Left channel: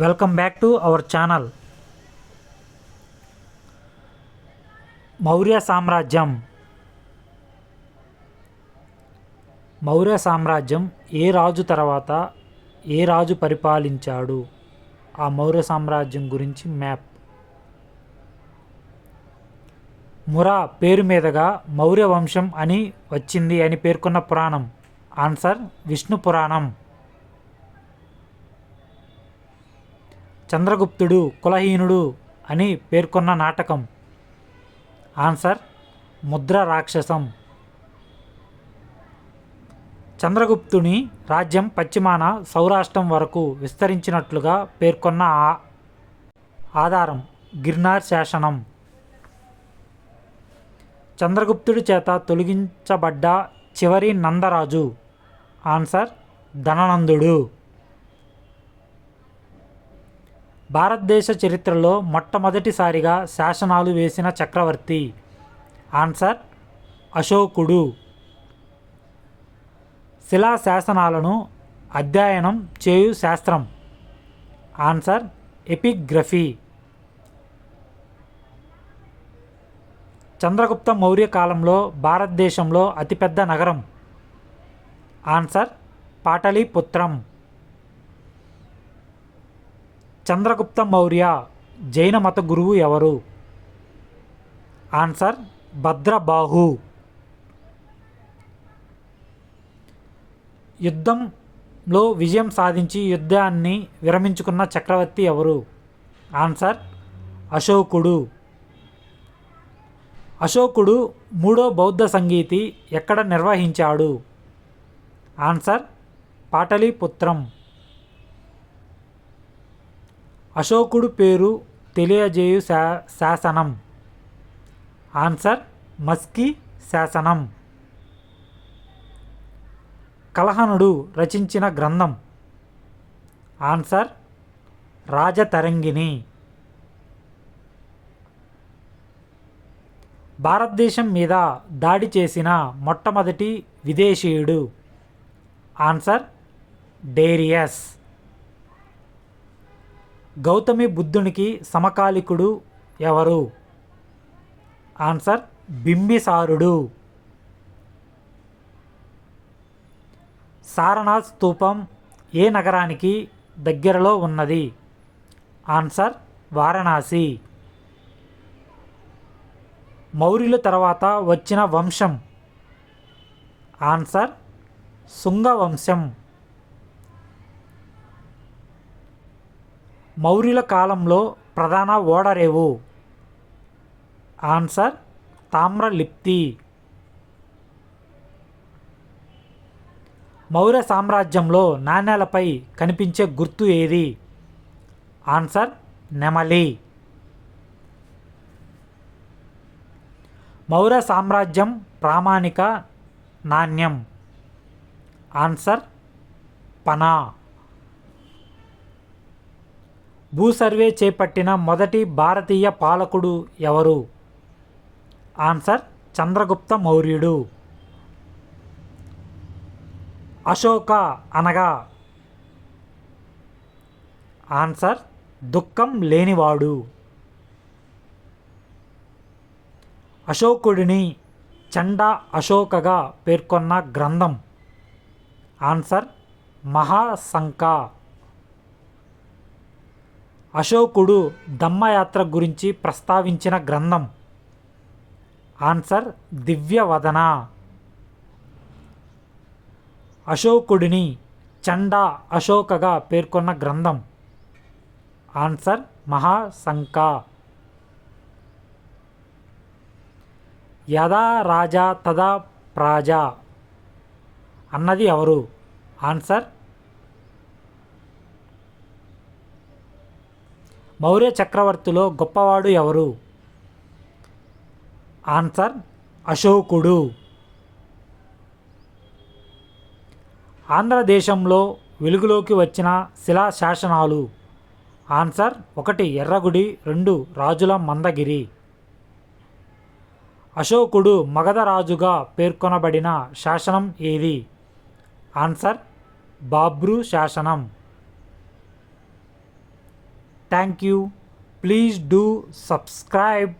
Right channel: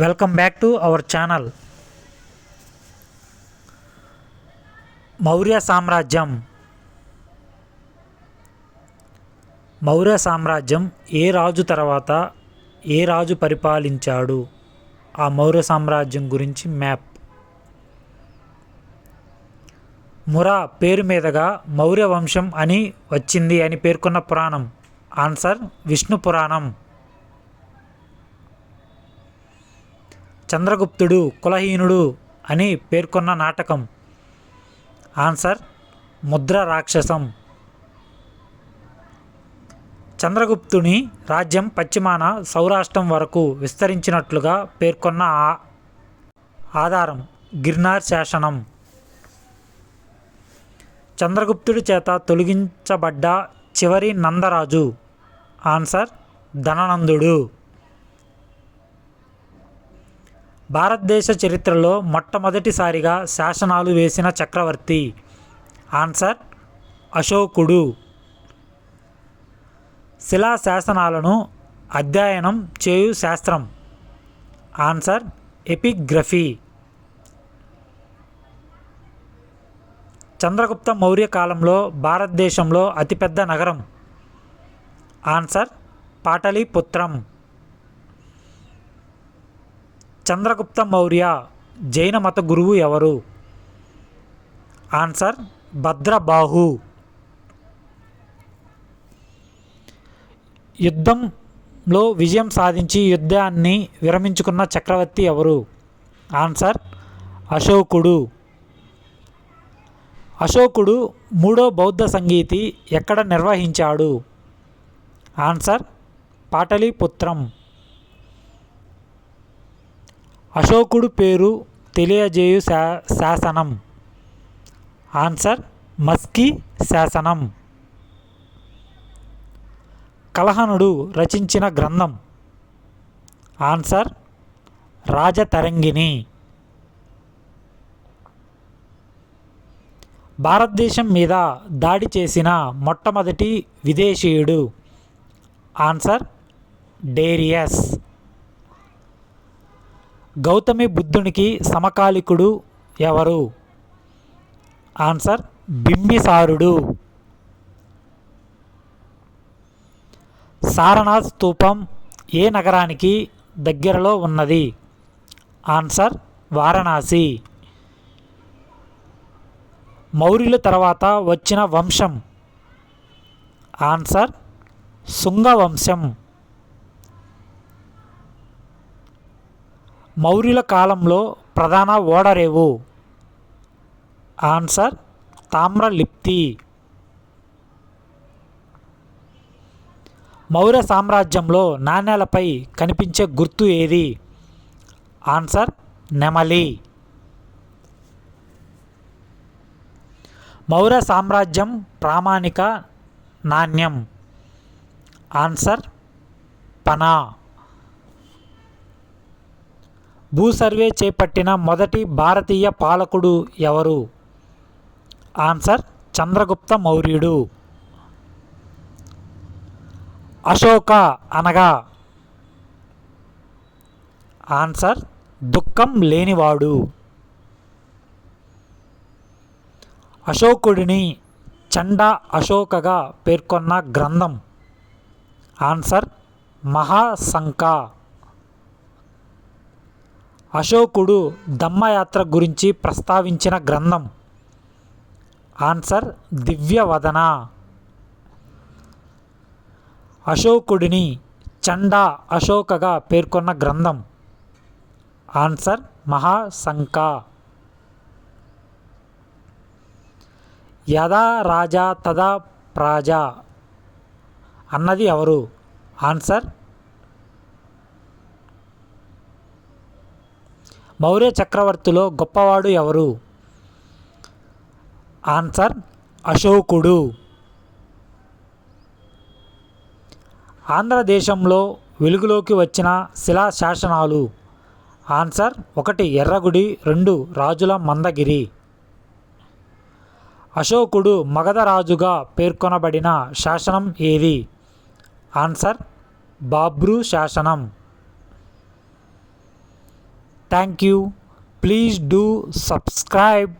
Welcome back to our channel. Maurya సామ్రాజ్యం. మౌర్య సామ్రాజ్యం ఏ రాజు తర్వాత ఏ రాజు పరిపాలించాడు? ఆ మౌర్య సామ్రాజ్యం గురించి మ్యాప్. మురా పేరు మీదుగా మౌర్య వంశం అని వచ్చింది అని పేర్కొన్న పురాణం. ఆన్సర్ విష్ణు పురాణం. చంద్రగుప్తుడు కులహీనుడు అని పేర్కొన్న నాటకం. ఆన్సర్ ముద్ర రాక్షసం. చంద్రగుప్తుని రాజ్యం పశ్చిమాన సౌరాష్ట్రం వరకు విస్తరించినట్లుగా పేర్కొన్న ఆధారం గిర్నార్ శాసనం. చంద్రగుప్తుడి చేత తొలగించబడ్డ చివరి నందరాజు. ఆన్సర్ ధననందుడు. భారతదేశ చరిత్రలో మొట్టమొదటిసారిగా శాసనాలు వేసిన చక్రవర్తి. ఆన్సర్ అశోకుడు. శిలా శాసనాలను అధ్యయనం చేయు శాస్త్రం. Answer epigraphy. చంద్రగుప్త మౌర్య కాలంలో భారతదేశంలో అతిపెద్ద నగరం. ఆన్సర్ పాటలీపుత్రం. చంద్రగుప్త మౌర్య జైన మత గురువు ఎవరు? ఆన్సర్ భద్రబాహు. యుద్ధంలో విజయం సాధించి యుద్ధాన్ని విరమించుకున్న చక్రవర్తి ఎవరు? ఆన్సర్ అశోకుడు. అశోకుడు మూడో బౌద్ధ సంగీతి ఎక్కడ నిర్వహించాడు? ఆన్సర్ పాటలీపుత్రం. అశోకుడు పేరు తెలియజేయు శాసనం. ఆన్సర్ మస్కీ శాసనం. కలహనుడు రచించిన గ్రంథం. ఆన్సర్ రాజతరంగిణి. భారతదేశం మీద దాడి చేసిన మొట్టమొదటి విదేశీయుడు. Answer Darius. గౌతమి బుద్ధునికి సమకాలికుడు ఎవరు? ఆన్సర్ బింబిసారుడు. సారనాథ్ స్తూపం ఏ నగరానికి దగ్గరలో ఉన్నది? ఆన్సర్ వారణాసి. మౌర్యుల తర్వాత వచ్చిన వంశం. ఆన్సర్ శుంగ వంశం. మౌర్యుల కాలంలో ప్రధాన ఓడరేవు. ఆన్సర్ తామ్రలిప్తి. మౌర్య సామ్రాజ్యంలో నాణేలపై కనిపించే గుర్తు ఏది? ఆన్సర్ నెమలి. మౌర్య సామ్రాజ్యం ప్రామాణిక నాణ్యం. ఆన్సర్ పనా. భూసర్వే చేపట్టిన మొదటి భారతీయ పాలకుడు ఎవరు? ఆన్సర్ చంద్రగుప్త మౌర్యుడు. అశోక అనగా? ఆన్సర్ దుఃఖం లేనివాడు. అశోకుడిని చండా అశోకగా పేర్కొన్న గ్రంథం. ఆన్సర్ మహాశంక. అశోకుడు ధమ్మయాత్ర గురించి ప్రస్తావించిన గ్రంథం. ఆన్సర్ దివ్యవదన. అశోకుడిని చండా అశోకగా పేర్కొన్న గ్రంథం. ఆన్సర్ మహాశంక. యదా రాజా తదా ప్రాజా అన్నది ఎవరు? ఆన్సర్ మౌర్య చక్రవర్తిలో గొప్పవాడు ఎవరు? ఆన్సర్ అశోకుడు. ఆంధ్రదేశంలో వెలుగులోకి వచ్చిన శిలా శాసనాలు. ఆన్సర్ 1 ఎర్రగుడి, 2 రాజుల మందగిరి. అశోకుడు మగధ రాజుగా పేర్కొనబడిన శాసనం ఏది? ఆన్సర్ బాబ్రు శాసనం. Thank you. Please do subscribe.